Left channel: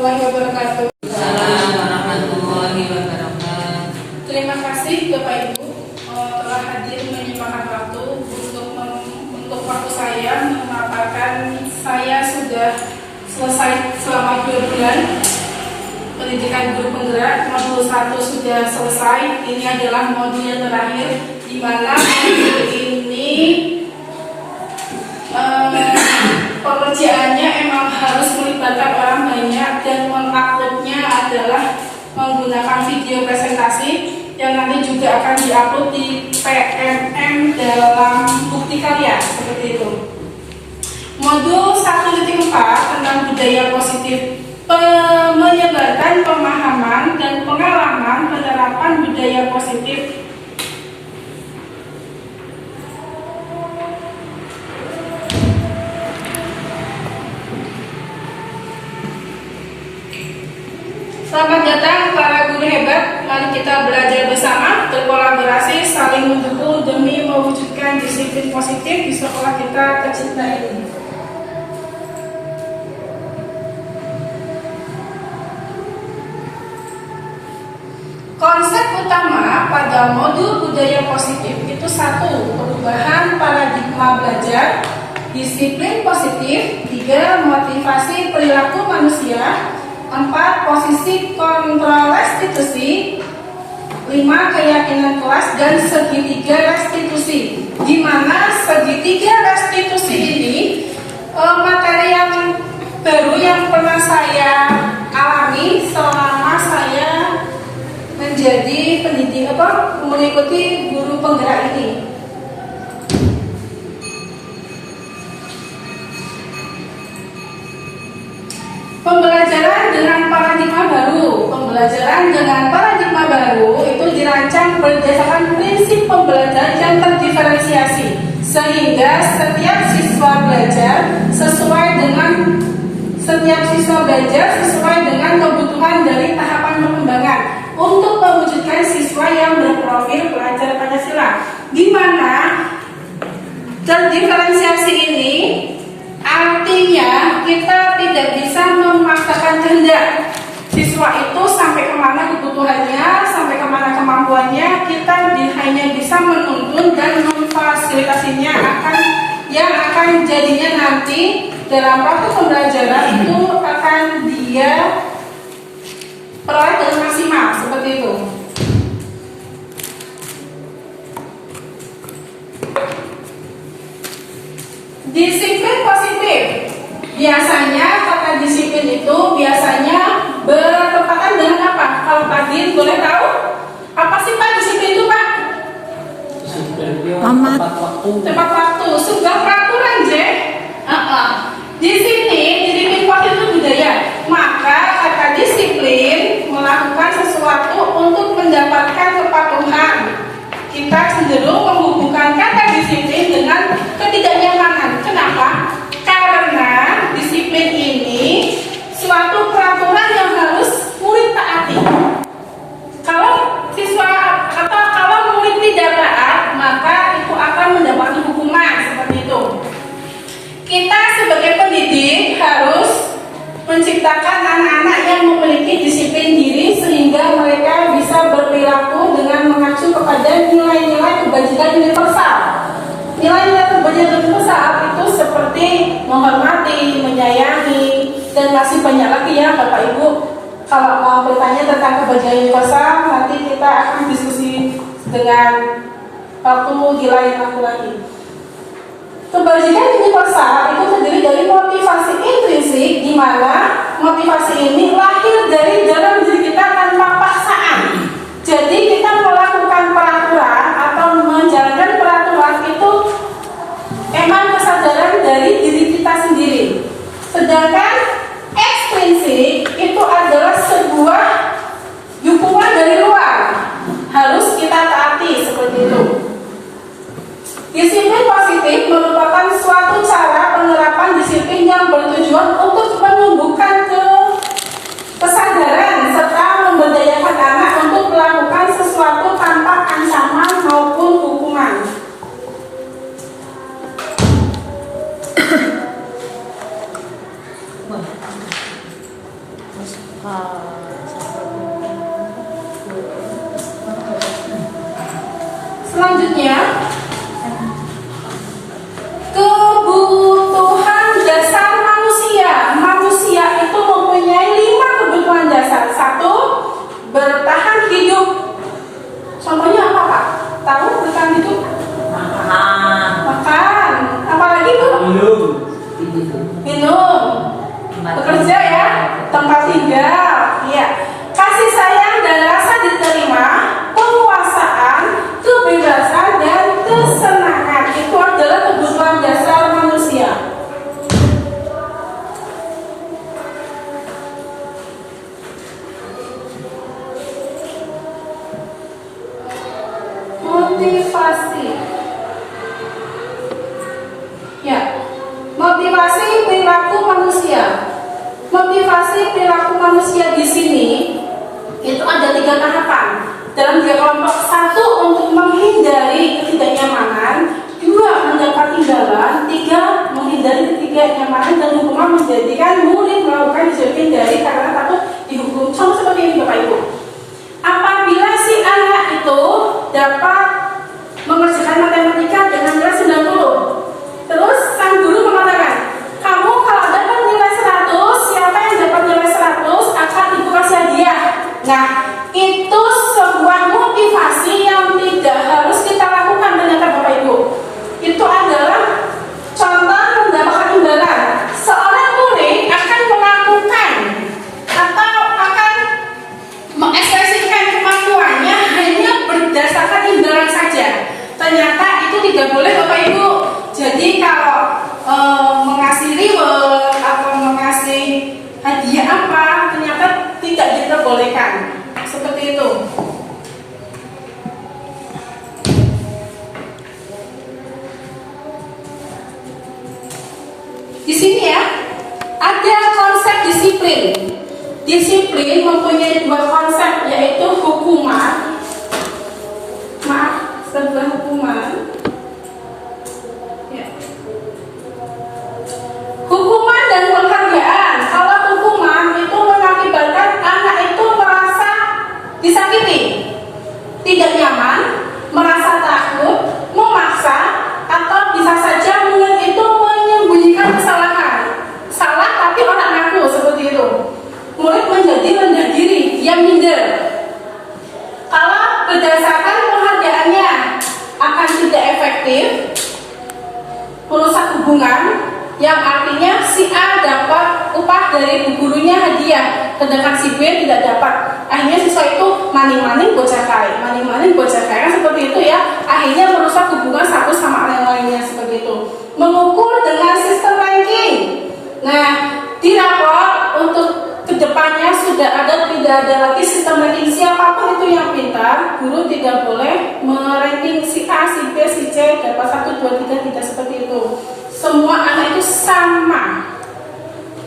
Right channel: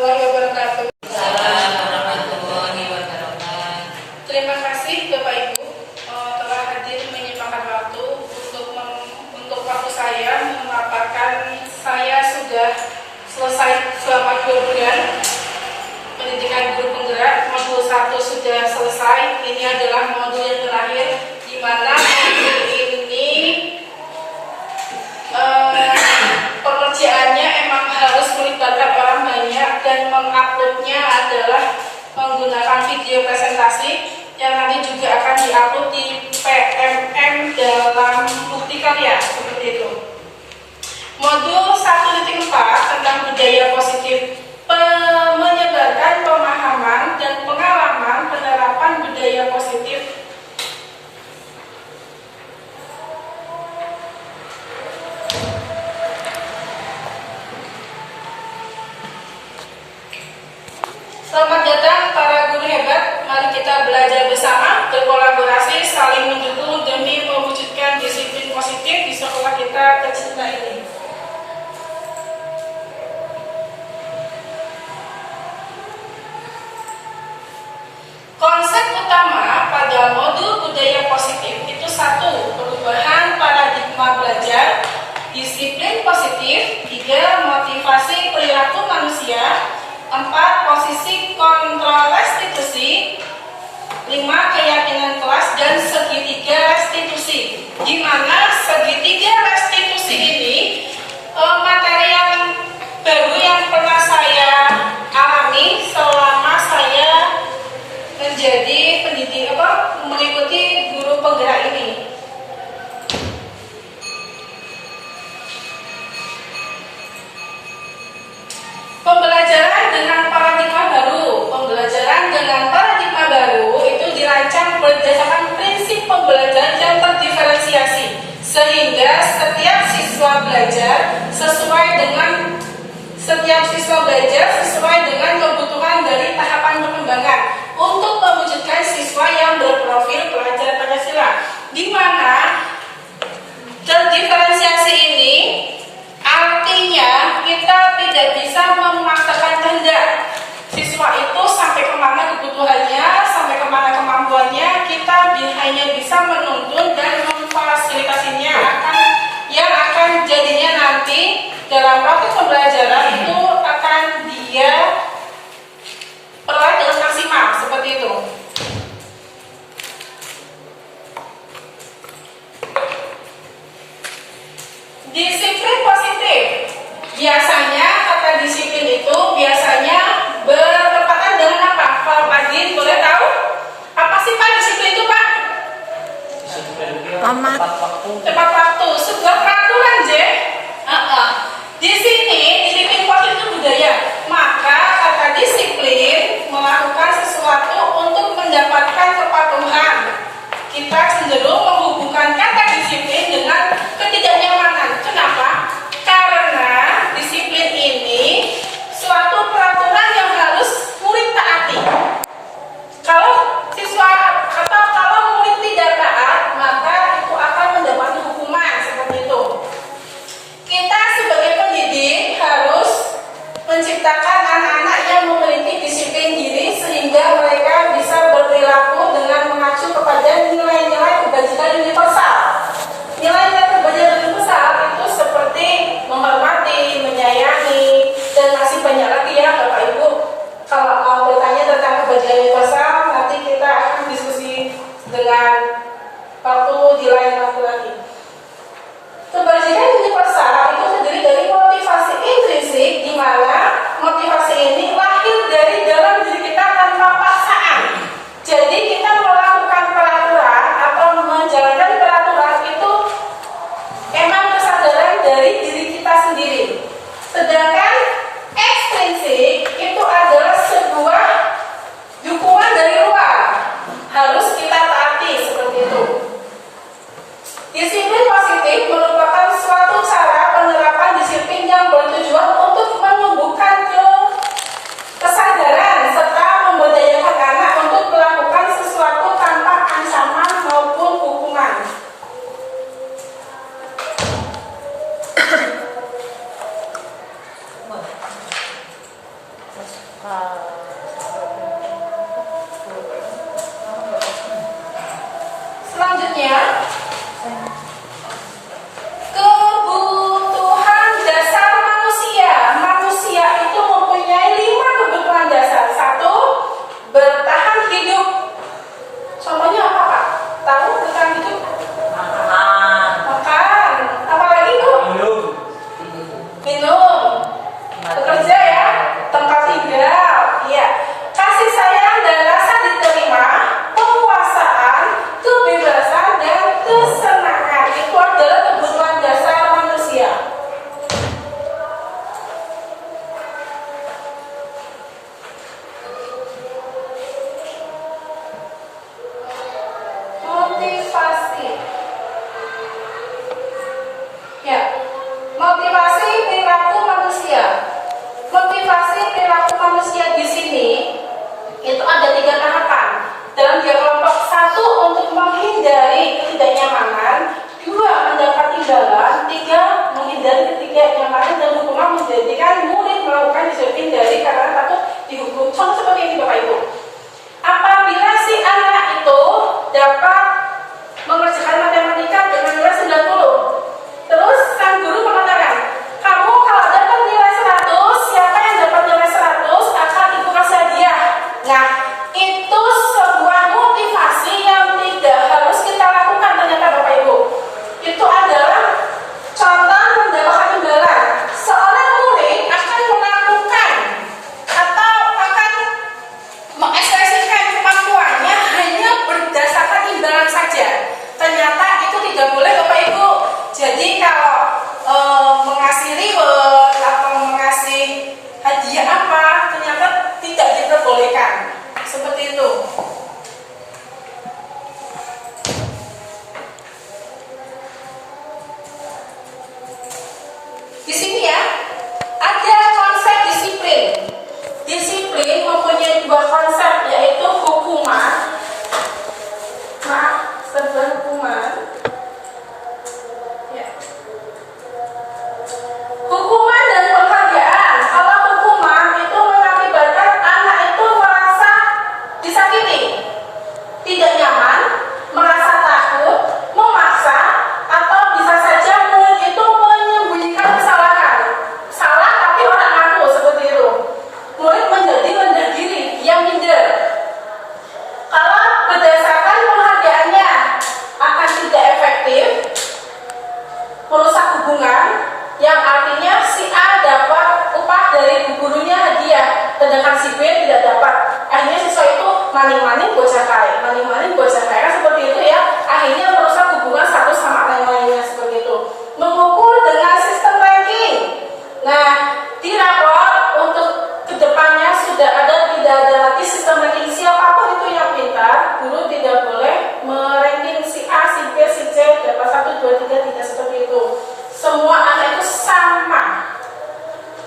warahmatullahi wabarakatuh. Warahmatullahi wabarakatuh. Terima kasih Bapak Ibu telah hadir menyempatkan waktu untuk waktu saya memaparkan. Saya sudah selesai selama 2 bulan pendidikan guru penggerak. Modul 1 sudah selesai. Ini adalah modul yang terakhir, di mana modul ini pekerjaannya emang harus melibatkan orang banyak, dan menguploadnya adalah menggunakan video presentasi yang nanti juga akan diupload di PMM dalam bukti karya, seperti itu. Modul 1.4 tentang budaya positif, menyebarkan pemahaman dan pengalaman penerapan budaya positif. Selamat datang para guru hebat. Mari kita belajar bersama, berkolaborasi, saling mendukung demi mewujudkan disiplin positif di sekolah kita tercinta ini. Konsep utama pada modul budaya positif itu 1. Perubahan paradigma belajar, disiplin positif. 3. Motivasi perilaku manusia. 4. Posisi kontrol restitusi. 5. Keyakinan kelas dan segitiga restitusi. Di mana segitiga restitusi ini materi yang baru yang pernah saya alami selama saya menjadi mengikuti guru penggerak ini. Pembelajaran dengan paradigma baru. Pembelajaran dengan paradigma baru itu dirancang berdasarkan prinsip pembelajaran yang terdiferensiasi, sehingga setiap siswa belajar sesuai dengan kebutuhan dari tahapan perkembangan untuk mewujudkan siswa yang berprofil pelajar Pancasila. Di mana terdiferensiasi ini artinya kita tidak bisa memaksakan kehendak siswa itu sampai kemana kebutuhannya, sampai kemana kemampuannya. Kita hanya bisa menuntun dan memfasilitasinya yang akan jadinya nanti dalam waktu pembelajaran itu akan dia peroleh dengan maksimal, seperti itu. Disiplin positif. Biasanya kata disiplin itu biasanya bertepatan dengan apa? Kalau pagi boleh tahu? Apa sih Pak disiplin itu Pak? Tepat waktu. Sebuah peraturan J. Di sini disiplin positif itu budaya. Maka kata disiplin melakukan sesuatu untuk mendapatkan kepatuhan. Kita cenderung menghubungkan kata disiplin dengan ketidaknyamanan. Kenapa? Karena disiplin ini suatu peraturan yang harus murid taati. Kalau murid tidak taat, maka itu akan mendapatkan hukuman, seperti itu. Kita sebagai pendidik harus menciptakan anak-anak yang memiliki disiplin diri, sehingga mereka bisa berperilaku dengan mengacu kepada nilai-nilai kebajikan universal. Nilai-nilai kebajikan universal itu seperti menghormati, menyayangi, dan masih banyak lagi ya Bapak Ibu. Kalau mau bertanya tentang kebajikan universal, nanti kita akan diskusi dengan waktu di lain waktu lagi. Kebajikan universal itu terdiri dari motivasi intrinsik, di mana motivasi ini lahir dari dalam diri kita tanpa paksaan. Jadi kita melakukan peraturan atau menjalankan peraturan itu memang kesadaran dari diri kita sendiri. Sedangkan ekstrinsik itu adalah sebuah dukungan dari luar, harus kita taati, seperti itu. Disiplin positif merupakan suatu cara penerapan disiplin yang bertujuan untuk menumbuhkan kesadaran serta memberdayakan anak untuk melakukan sesuatu tanpa ancaman maupun hukuman. Selanjutnya, kebutuhan dasar manusia. Manusia itu mempunyai 5 kebutuhan dasar. 1. Bertahan hidup. Contohnya apa, Pak? Tahu bertahan hidup? Makan. Apalagi, Bu? Minum. Bekerja ya. Tempat tinggal. Iya. Kasih sayang dan rasa diterima. Penguasaan, kebebasan, dan kesenangan. Itu adalah kebutuhan dasar manusia. Motivasi. Ya, motivasi perilaku manusia. Motivasi perilaku manusia di sini itu ada 3 tahapan. Dalam 3 kelompok. 1. Untuk menghindari ketidaknyamanan. 2. Mendapat imbalan. 3. Menghindari ketidaknyamanan dan hukuman menjadikan murid melakukan dihindari karena takut dihukum. Contoh seperti ini, Bapak Ibu. Apabila si anak itu dapat mengerjakan matematika dengan nilai 90, terus sang guru mengatakan, kamu kalau dapat nilai 100, siapa yang dapat nilai 100 akan ibu kasih hadiah. Nah, itu sebuah motivasi yang tidak harus kita lakukan ternyata, Bapak Ibu. Itu adalah contoh mendapatkan imbalan. Seorang murid akan melakukan atau akan mengekspresikan kemampuannya hanya berdasarkan imbalan saja. Ternyata itu tidak boleh, Bapak Ibu. Jadi kalau mengasih reward atau mengasih hadiah apa, ternyata tidak diperbolehkan. Seperti itu. Di sini ya, ada konsep disiplin. Disiplin mempunyai 2 konsep, yaitu hukuman. Sebuah hukuman. Ya. Hukuman dan penghargaan. Kalau hukuman itu mengakibatkan anak itu merasa disakiti, tidak nyaman, merasa takut, memaksa, atau bisa saja murid itu menyembunyikan kesalahan. Salah tapi orang ngaku, seperti itu. Murid menjadi rendah diri, dia minder. Kalau berdasarkan penghargaannya akan tidak efektif, merusak hubungan, yang artinya si A dapat upah dari gurunya hadiah, sedangkan si B tidak dapat. Akhirnya siswa itu maning-maning bocah kaya, maning-maning bocah kaya, kan seperti itu ya. Akhirnya merusak hubungan satu sama yang lainnya, seperti itu. Mengukur dengan sistem ranking. Nah, di rapor untuk kedepannya sudah tidak ada lagi sistem ranking. Siapapun itu yang pintar, guru tidak boleh meranking si A, si B, si C dapat 1, 2, 3, tidak seperti itu. Semua anak itu sama.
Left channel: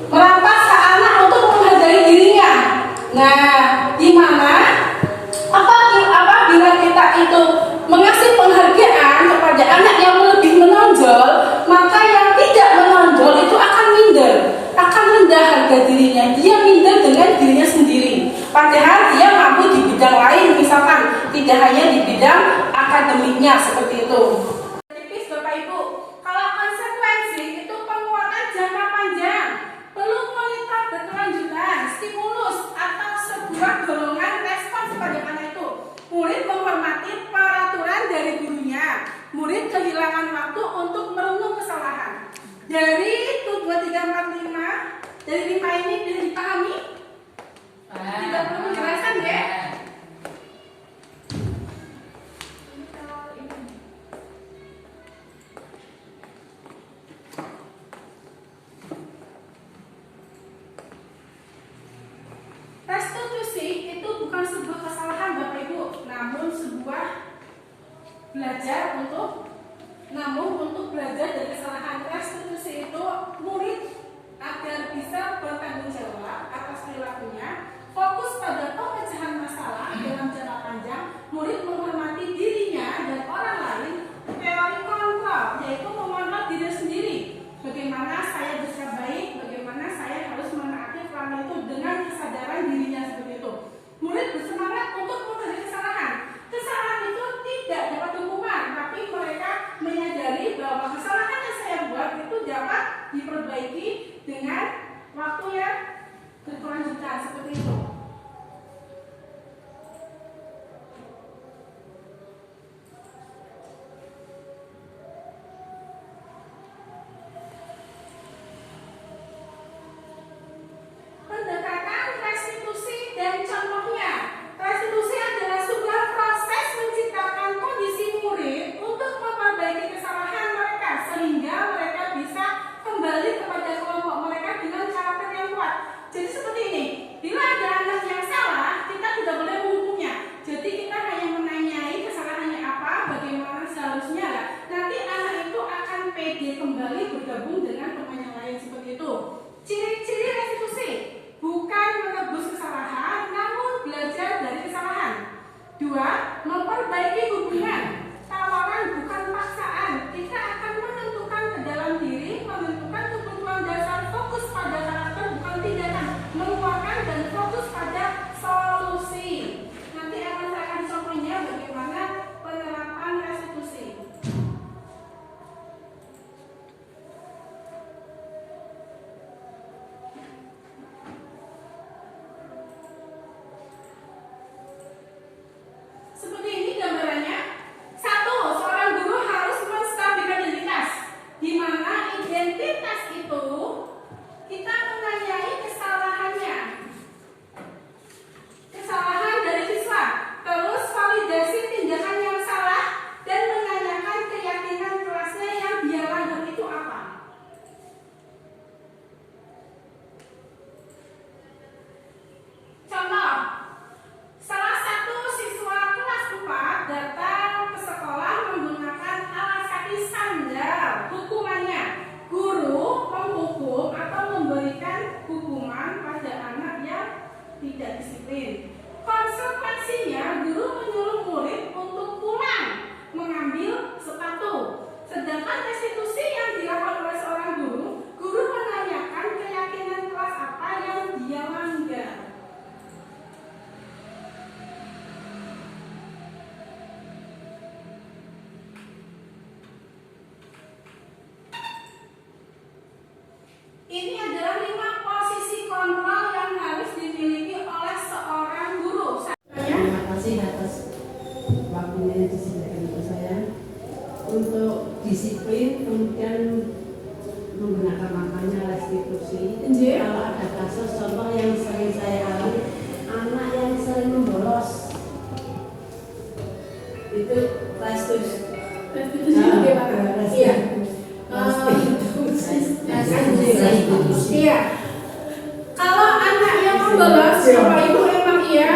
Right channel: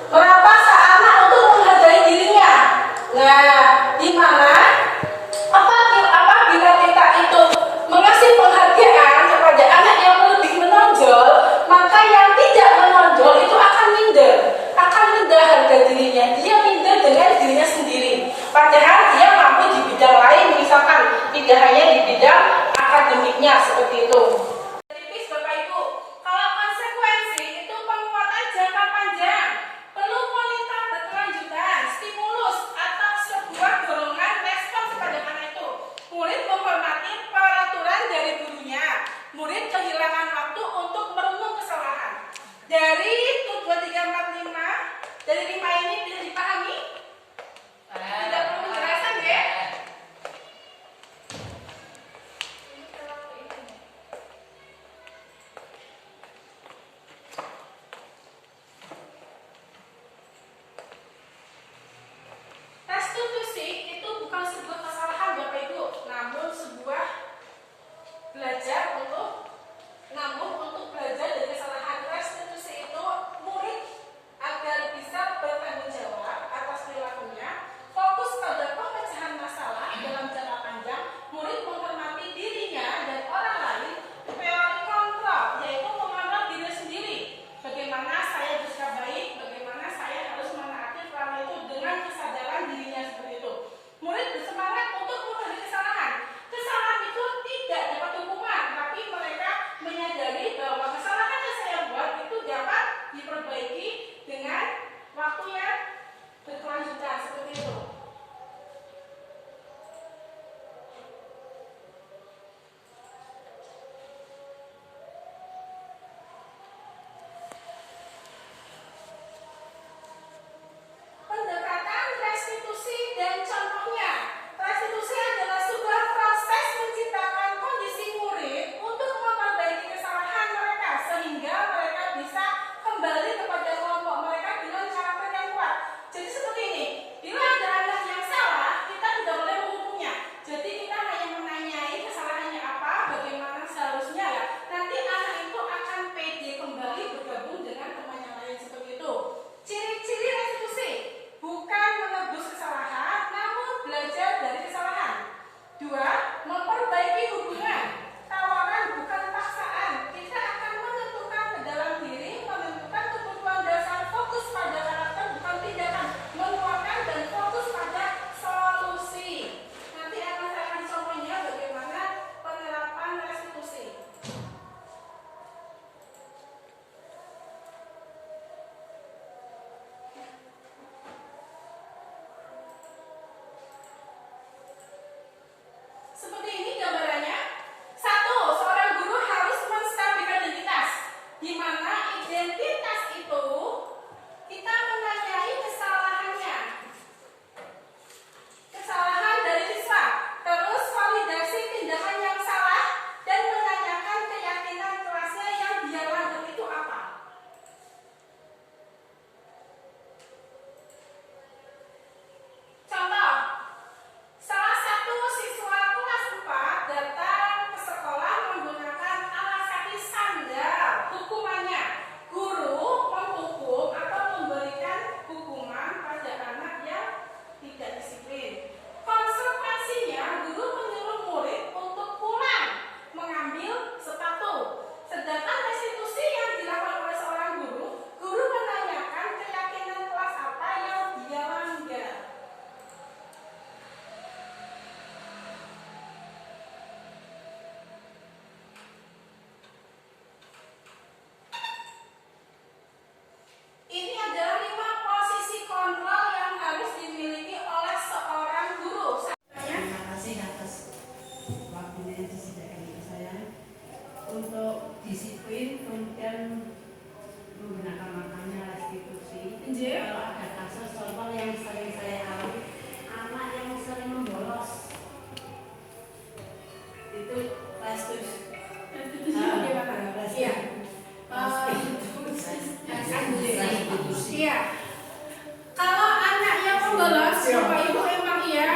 Merampas hak anak untuk menghargai dirinya. Nah, di mana apabila kita itu mengasih penghargaan kepada anak yang lebih menonjol, maka yang tidak menonjol itu akan minder, akan rendah harga dirinya. Dia minder dengan dirinya sendiri. Padahal dia mampu di bidang lain, misalkan tidak hanya di bidang akademiknya, seperti itu. Tipis, Bapak Ibu. Kalau konsekuensi itu penguatan jangka panjang, perlu monitor berkelanjutan, stimulus atau sebuah dorongan respon kepada anak itu. Murid menghormati peraturan dari gurunya. Murid kehilangan waktu untuk merenung kesalahan. Dari 1, 2, 3, 4, 5, dari 5 ini bisa dipahami? Tidak perlu penjelasan ya? Restitusi itu bukan sebuah kesalahan, Bapak Ibu, namun sebuah belajar untuk belajar dari kesalahan. Restitusi itu murid agar bisa bertanggung jawab atas perilakunya, fokus pada pemecahan masalah dalam jangka panjang. Murid menghormati dirinya dan orang lain. Teori kontrol, yaitu mengontrol diri sendiri. Bagaimana saya bisa baik, bagaimana saya harus menaati peran itu dengan kesadaran tidak disiplin. Konsekuensinya, guru menyuruh murid untuk pulang mengambil sepatu. Sedangkan restitusi yang dilakukan oleh seorang guru, guru menanyakan keyakinan kelas apa yang dia langgar. Ini adalah 5 posisi kontrol yang harus dimiliki oleh seorang guru. Terima kasih atas waktunya yang disediakan untuk saya untuk disiplin, kemudian menggunakan makanya restitusi. Kalau ada kasus contoh yang sering saya alami, anak yang sering membolos itu restitusi. Bagaimana? Iya. Iya. Kalau anak yang membolos, Bapak Ibu emang iya,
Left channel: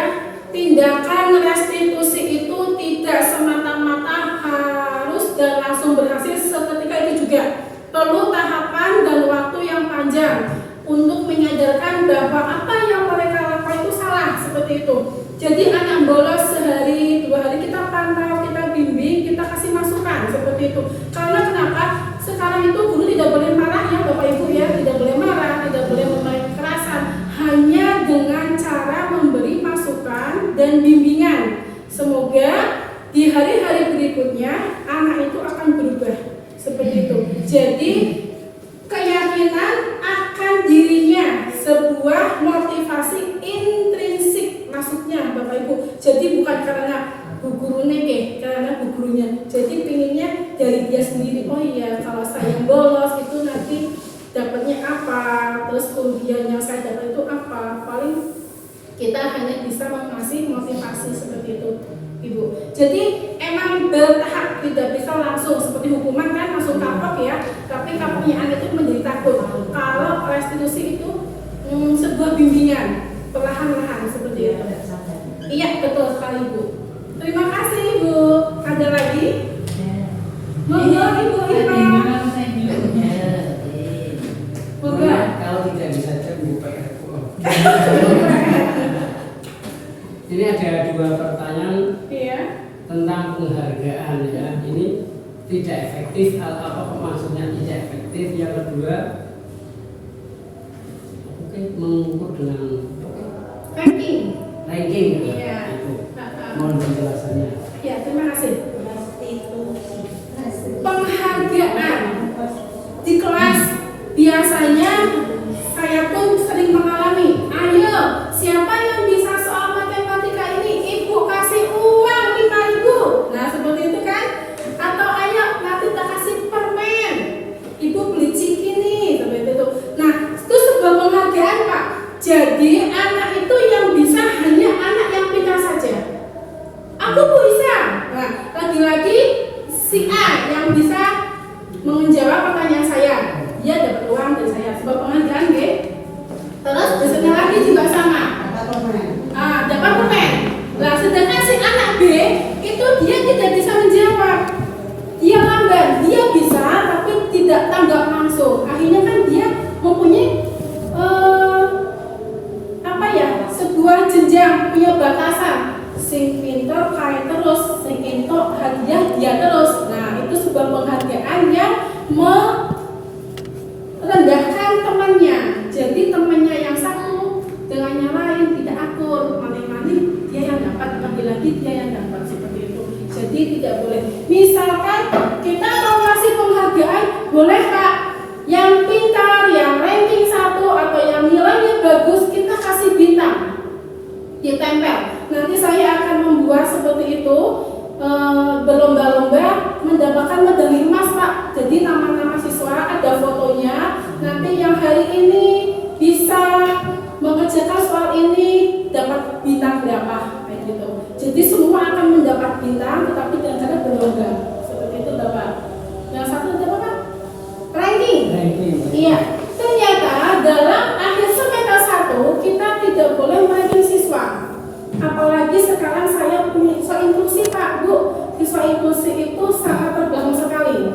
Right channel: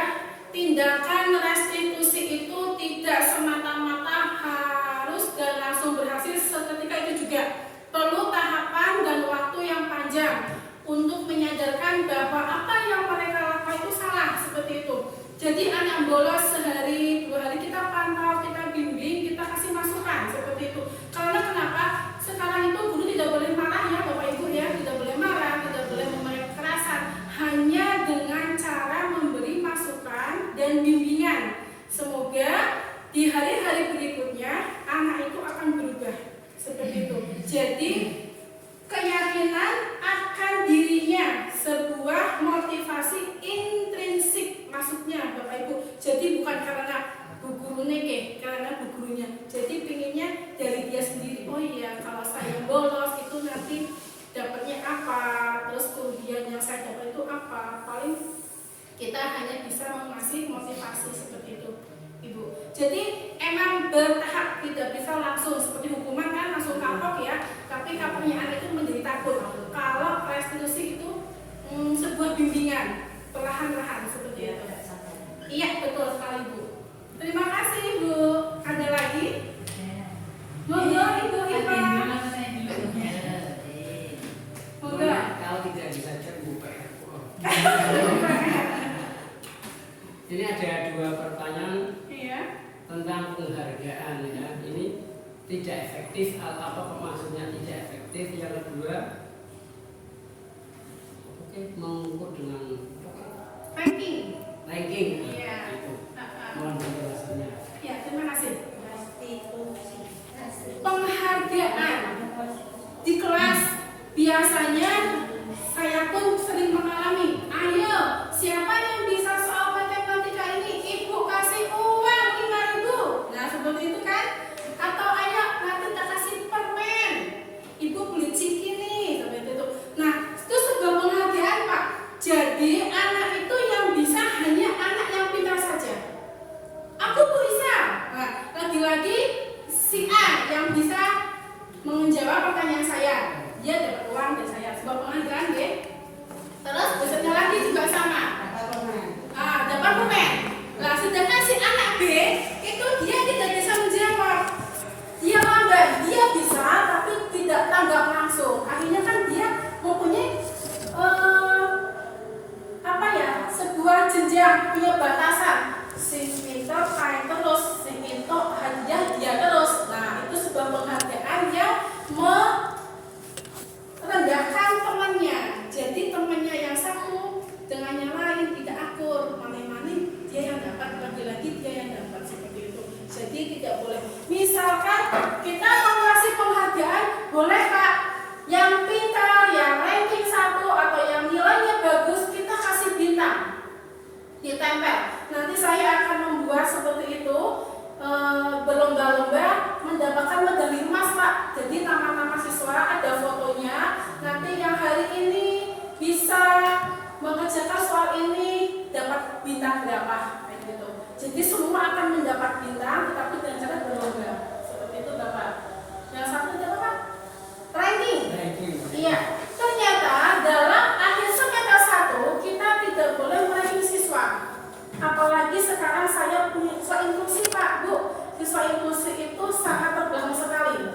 tindakan restitusi itu tidak semata-mata harus dan langsung berhasil seketika itu juga. Perlu tahapan dan waktu yang panjang untuk menyadarkan bahwa apa yang mereka lakukan itu salah, seperti itu. Jadi anak bolos sehari, 2 hari kita pantau, kita bimbing, kita kasih masukan, seperti itu. Karena kenapa? Sekarang itu guru tidak boleh marah ya Bapak Ibu ya, tidak boleh marah, tidak boleh memakai kekerasan, hanya dengan cara memberi masukan dan bimbingan. Semoga di hari-hari berikutnya anak itu akan berubah, seperti itu. Jadi keyakinan akan dirinya sebuah motivasi intrinsik, maksudnya Bapak Ibu. Jadi bukan karena bu guru neke, karena bu gurunya. Jadi pinginnya dari dia sendiri. Oh iya, kalau saya bolos itu nanti dapatnya apa, terus kerugian yang saya dapat itu apa. Paling kita hanya bisa mengasih motivasi seperti itu, Ibu. Jadi emang bertahap, tidak bisa langsung seperti hukuman kan langsung kapok ya. Tapi kapoknya anak itu menjadi takut. Kalau restitusi itu sebuah bimbingan perlahan-lahan seperti itu. Iya, betul sekali Bu. Terima kasih Ibu. Ada lagi? Monggo Ibu Ipa. Monggo. Kalau tidak bisa buka Ini ada 2 pertanyaan Iya. tentang penghargaan ya. Ini tidak efektif. Apa maksudnya tidak efektif? Yang kedua, mengukur dengan Ranking. ranking. Iya. Itu. Mohon penjelasannya. Ya, terima kasih. Penghargaan di kelas biasanya saya pun sering mengalami. Ayo, siapa yang bisa soal matematika ini? Ibu kasih uang 5.000. Nah, seperti itu kan? Atau ayo nanti kita kasih permen. Ibu beli ciki nih, seperti itu. Nah, itu sebuah penghargaan, Pak. Jadi anak itu yang bisa hanya anak yang pintar saja. Aku bisa. Nah, lagi-lagi si A yang bisa menjawab pertanyaan saya, dia dapat uang dari saya sebab penghargaan, nggih. Terus besoknya lagi juga sama. Dapat permen. Lah, sedangkan si anak B itu dia tidak bisa menjawab. Dia lambat, dia bisa tapi tidak tanggap langsung. Akhirnya kan dia mempunyai sebuah jenjang, punya batasan. Sing pinter kayak terus, sing entok hadiah dia terus. Nah, itu sebuah penghargaan yang merendahkan temannya. Jadi temannya yang satu dengan yang lain tidak akur, mani-mani dia yang dapat, lagi-lagi dia yang dapat, seperti itu. Jadi tidak boleh. Misalkan kita mau kasih penghargaan, boleh Pak, yang pintar, yang ranking 1 atau yang nilainya bagus kita kasih bintang, ditempel. Nanti saya akan membuat seperti itu, berlomba-lomba mendapatkan medali emas Pak. Jadi nama-nama siswa ada fotonya. Nanti yang hari ini bisa mengerjakan soal ini dapat bintang berapa, kayak gitu. Jadi semua akan mendapat bintang, tetapi dengan cara berlomba. Seperti itu dapat. Yang satu dapat apa? Ranking. Iya. Ternyata dalam akhir semester 1 kita tidak boleh meranking siswa. Apalagi sekarang saya punya siswa inklusi Pak, Bu. Siswa inklusi itu sangat terbelakang sekali.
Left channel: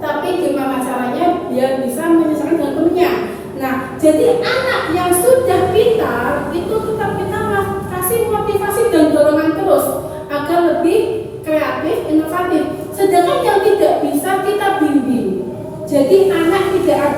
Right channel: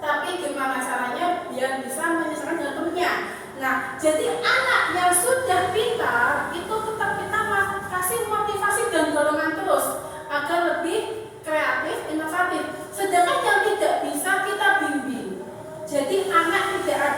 Tapi gimana caranya biar bisa menyesuaikan dengan temannya. Nah, jadi anak yang sudah pintar itu tetap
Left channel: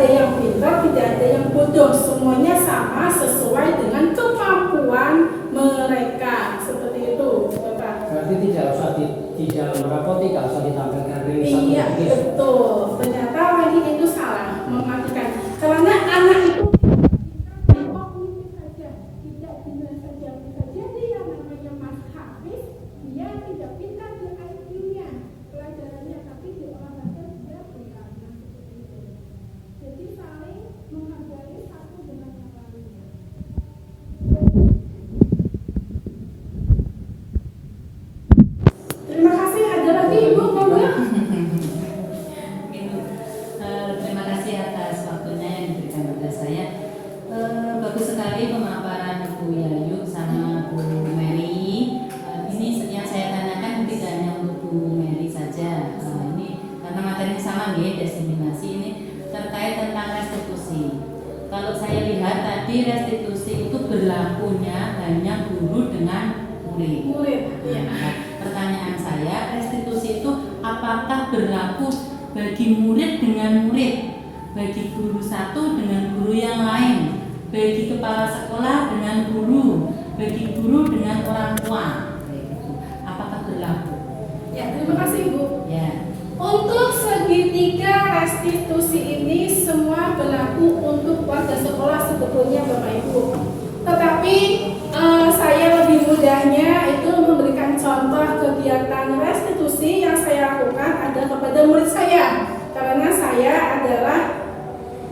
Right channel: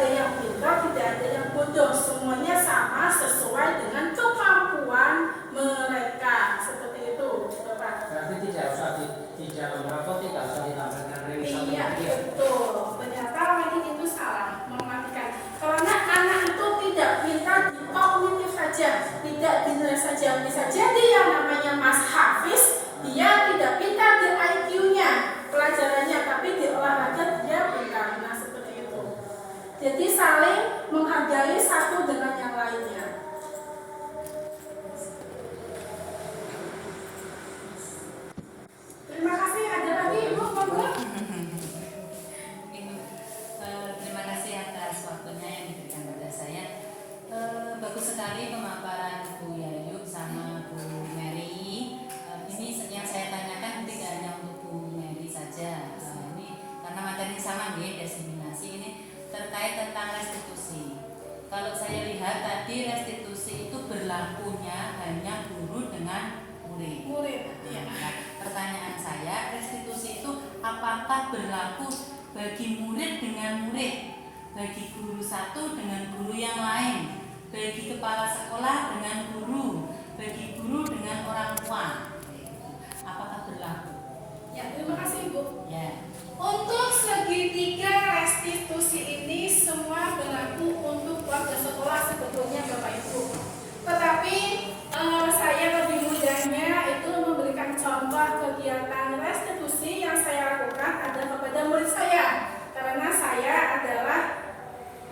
ada yang pintar, tidak ada yang bodoh. Semuanya sama sesuai dengan kemampuan mereka. Seperti itu, Bapak. Berarti tidak usah di dalam rapot tidak usah ditampilkan rilisan. Iya, betul. Ternyata lagi itu salah mematikan. Karena anak itu tidak pintar di kognitif saja, tidak dinilai saja. Bisa jadi yang namanya Mas Hafiz, dia tidak pintar di IQ-nya, pelajarannya, tapi di olahraga dia pintar. Nah, seperti itu. Jadi saling menghargai satu dengan yang lainnya. Terima kasih. Ada lagi Ibu, monggo. Terima kasih atas waktunya yang diberikan kepada saya. Bagus sekali pemaparan Bu Yayu sama Bu Mary. Ini yang saya tanyakan tidak hanya untuk Bu Mary saja. Ini karena materinya sama ya, diseminasi ini terkait tentang restitusi. Kalau saya lihat tadi restitusi itu berlakunya hanya guru dengan murid. Murid, ya. Nah, pertanyaan saya, restitusi itu apakah berlaku bagi murid dengan murid, bagi guru satu dengan guru yang lain, bagi kepala sekolah dengan guru, bagi guru dengan orang tua? Apakah berlaku? Ya, terima kasih Ibu. Ya. Untuk segitiga restitusi ini semua berlaku untuk warga sekolah sebetulnya Bapak Ibu. Tetapi saya lebih mudahnya itu memberikan contoh kegiatan restitusi yang saya lakukan ada kepada murid saya. Karena saya adalah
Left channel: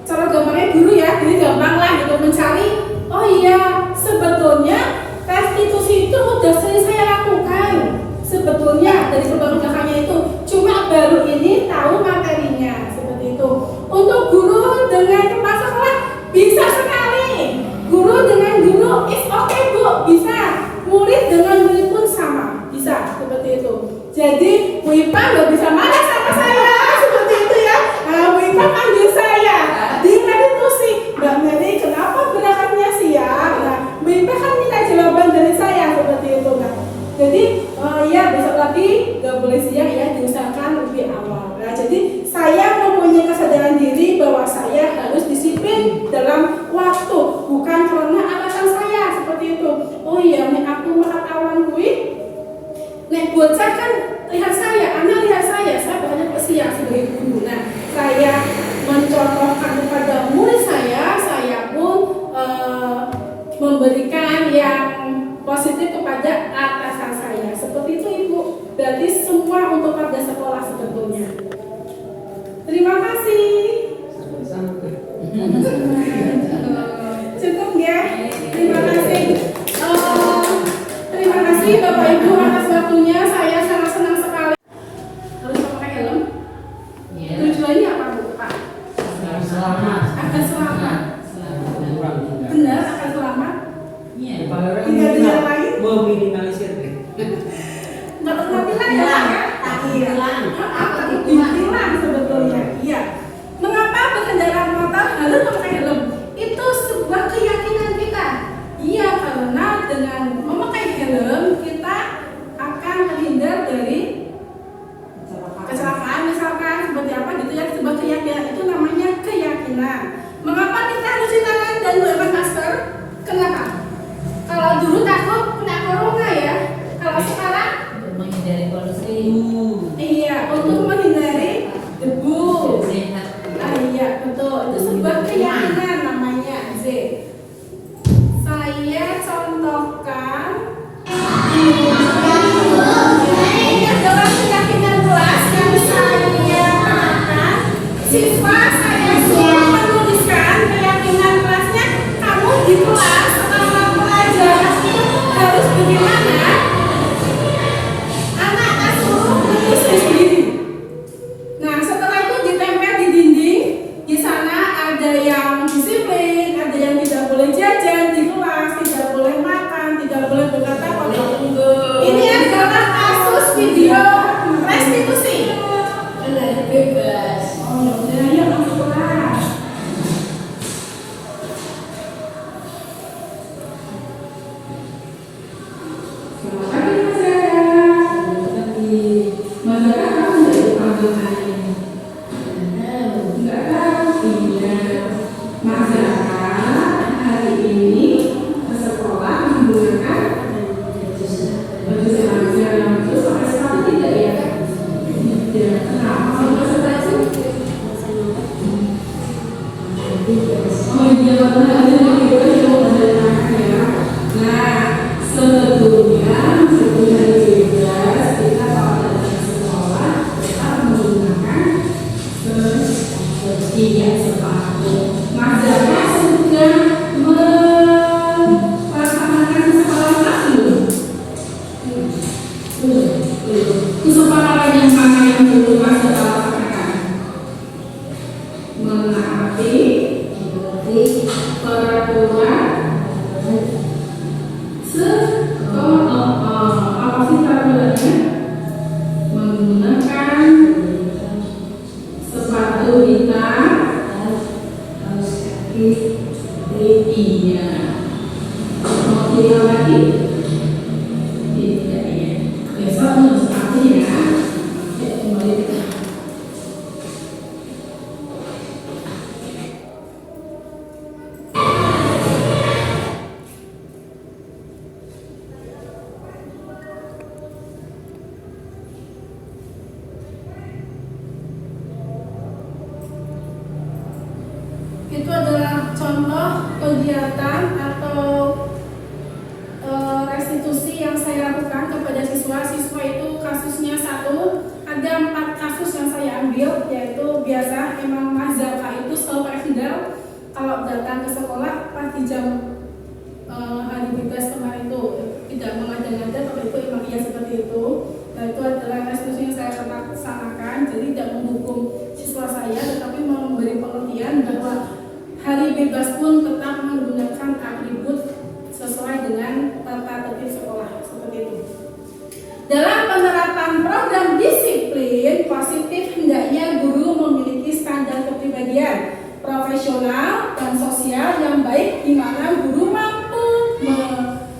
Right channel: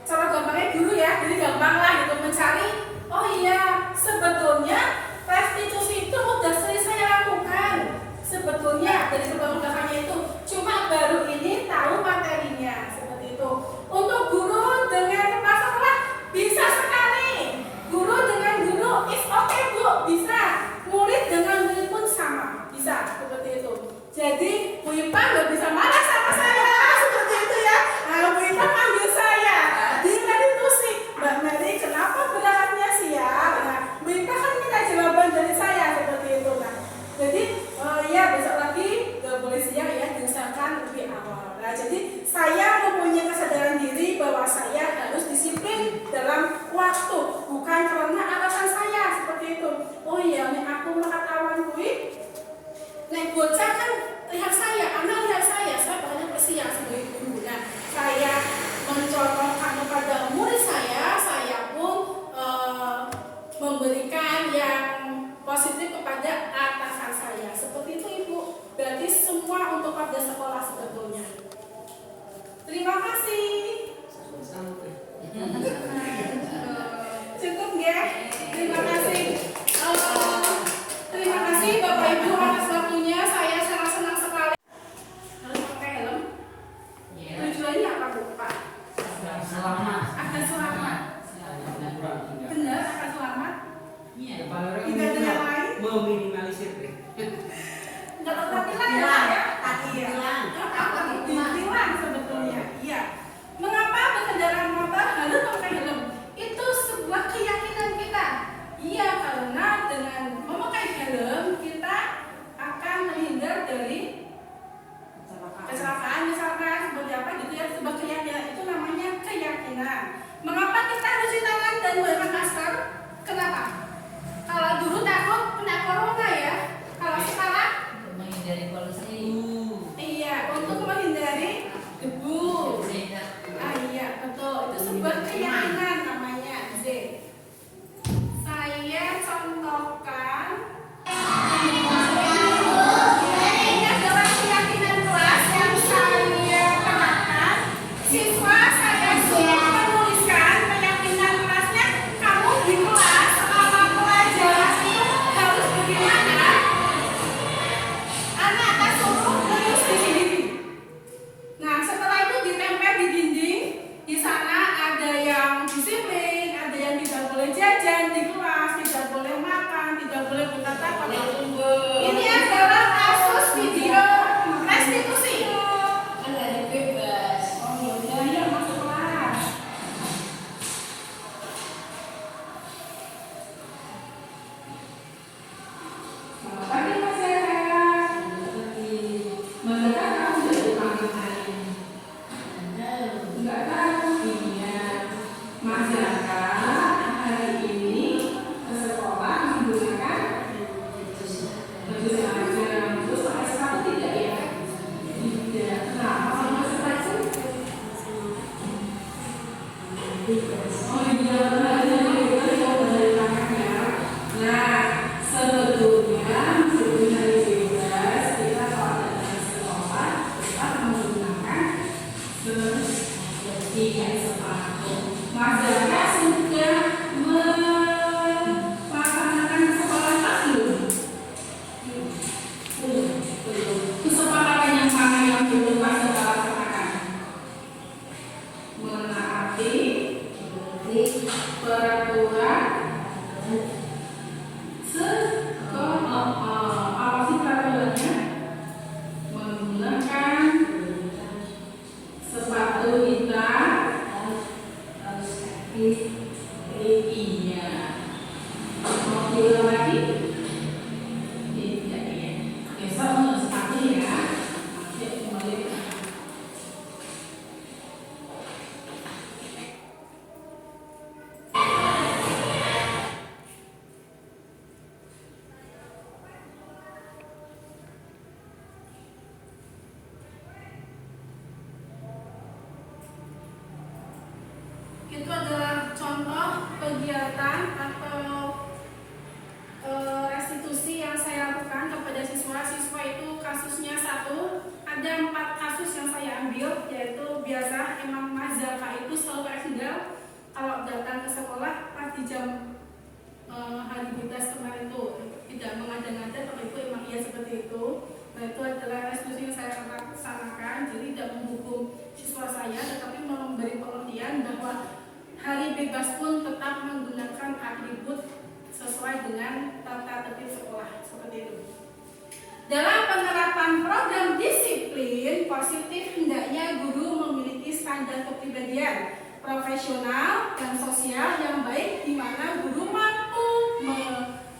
cara gampangnya guru ya, jadi gampang lah gitu mencari. Oh iya, sebetulnya restitusi itu udah sering saya lakukan. Sebetulnya dari belakangnya itu cuma baru ini tahu materinya seperti itu. Untuk guru dengan kepala sekolah bisa sekali. Guru dengan guru is okay Bu, bisa. Murid dengan murid pun sama, bisa seperti itu. Jadi Bu Ipa nggak bisa marah sama saya seperti itu ya. Nah, Bu Ipa panggil saya di restitusi. Mbak Mary, kenapa gerakannya siap? Nah, Bu Ipa kan minta jawaban dari saya seperti itu. Nah, jadi ya besok lagi nggak boleh siang ya, diusahakan lebih awal. Nah, jadi saya mempunyai kesadaran diri bahwa saya harus disiplin dalam waktu, bukan karena alasan saya seperti itu. Oh iya, nih aku makan awan gue. Nek bocah kan lihat saya, anak lihat saya bakal siang sebagai guru. Nah, saya mencontohkan kepada murid saya pun memberikan yang positif kepada atasan saya. Seperti itu Ibu. Berarti semua untuk warga sekolah sebetulnya. Terima kasih. Sampai. Cukup ya. Terima kasih. Terima kasih Bapak Ibu atas waktunya. Saya sangat senang sekali. Harus pakai helm. Ya. Tujuannya apa Bu? Pak? Selamat. Akan selamat. Kurang tidak. Benar akan selamat. Iya. Tidak ada yang lain. Meminimalisir deh. Nggak pernah bilang ya Pak ya? Hilang. Apa hilang sebetulnya? Iya. Mengapa berkendara motor harus memakai helm? Itu sebuah keyakinan kita. Iya, karena dengan memakai helm kita akan terhindar dari kecelakaan misalkan seperti apa gitu ya. Sebuah keyakinan itu namanya keyakinan. Mengapa kita harus cuci tangan dan menggunakan masker? Kenapa? Kalau dulu takut kena corona ya. Kalau sekarang Menghindari polusi. iya, untuk menghindari debu. Sehat. Ah iya, betul. Itu sebuah keyakinan namanya Z. Saya contohkan Sebetulnya meskipun hari bebas, kita kalau datang ke sekolah tetap menggunakan ketiga sepatu. Mas Jaka sudah melaksanakan kesepakatan belum? Kesepakatan yang mana yang belum Mas Jaka laksanakan? Menaati peraturan apa sih peraturannya? Menggunakan sepatu hitam, kaos kaki, iya. Mau bilang lagi? Tidak ya. Besok harus aku ya. Ya, kembali kita. Itu adalah contoh kegiatan atau restitusi yang saya lakukan kepada siswa. Siswa itu kasusnya satu, ada 4 kasus yang saya ambil, yaitu biasa emang Mas Zaka itu selalu pakai sendal kalau datang ke sekolah pas di jam hari bebas kemarin itu tidak mengada-ngada, kalau itu emang iya seperti itu. Nah, itu adalah restitusi yang saya laksanakan, jadi tidak menghukum siswa saya, tetapi memberi pengertian bahwa hari bebas pun tetap menggunakan atribut sesuai dengan tata tertib sekolah, seperti itu. Dalam penerapan program disiplin positif, hendaknya guru memiliki standar kepribadian profesional dan sosial yang baik, di mana guru mampu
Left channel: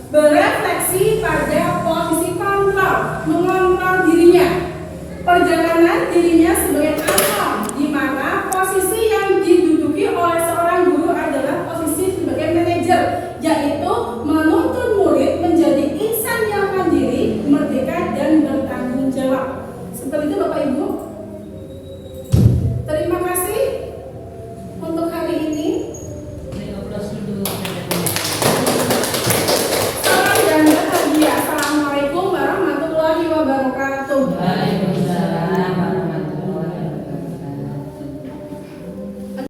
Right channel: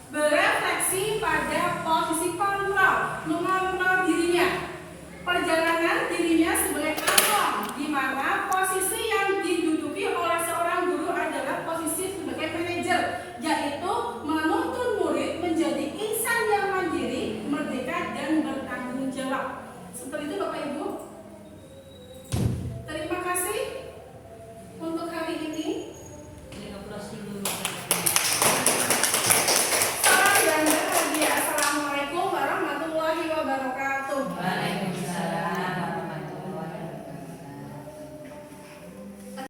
berefleksi pada posisi kontrol, mengontrol dirinya, perjalanan dirinya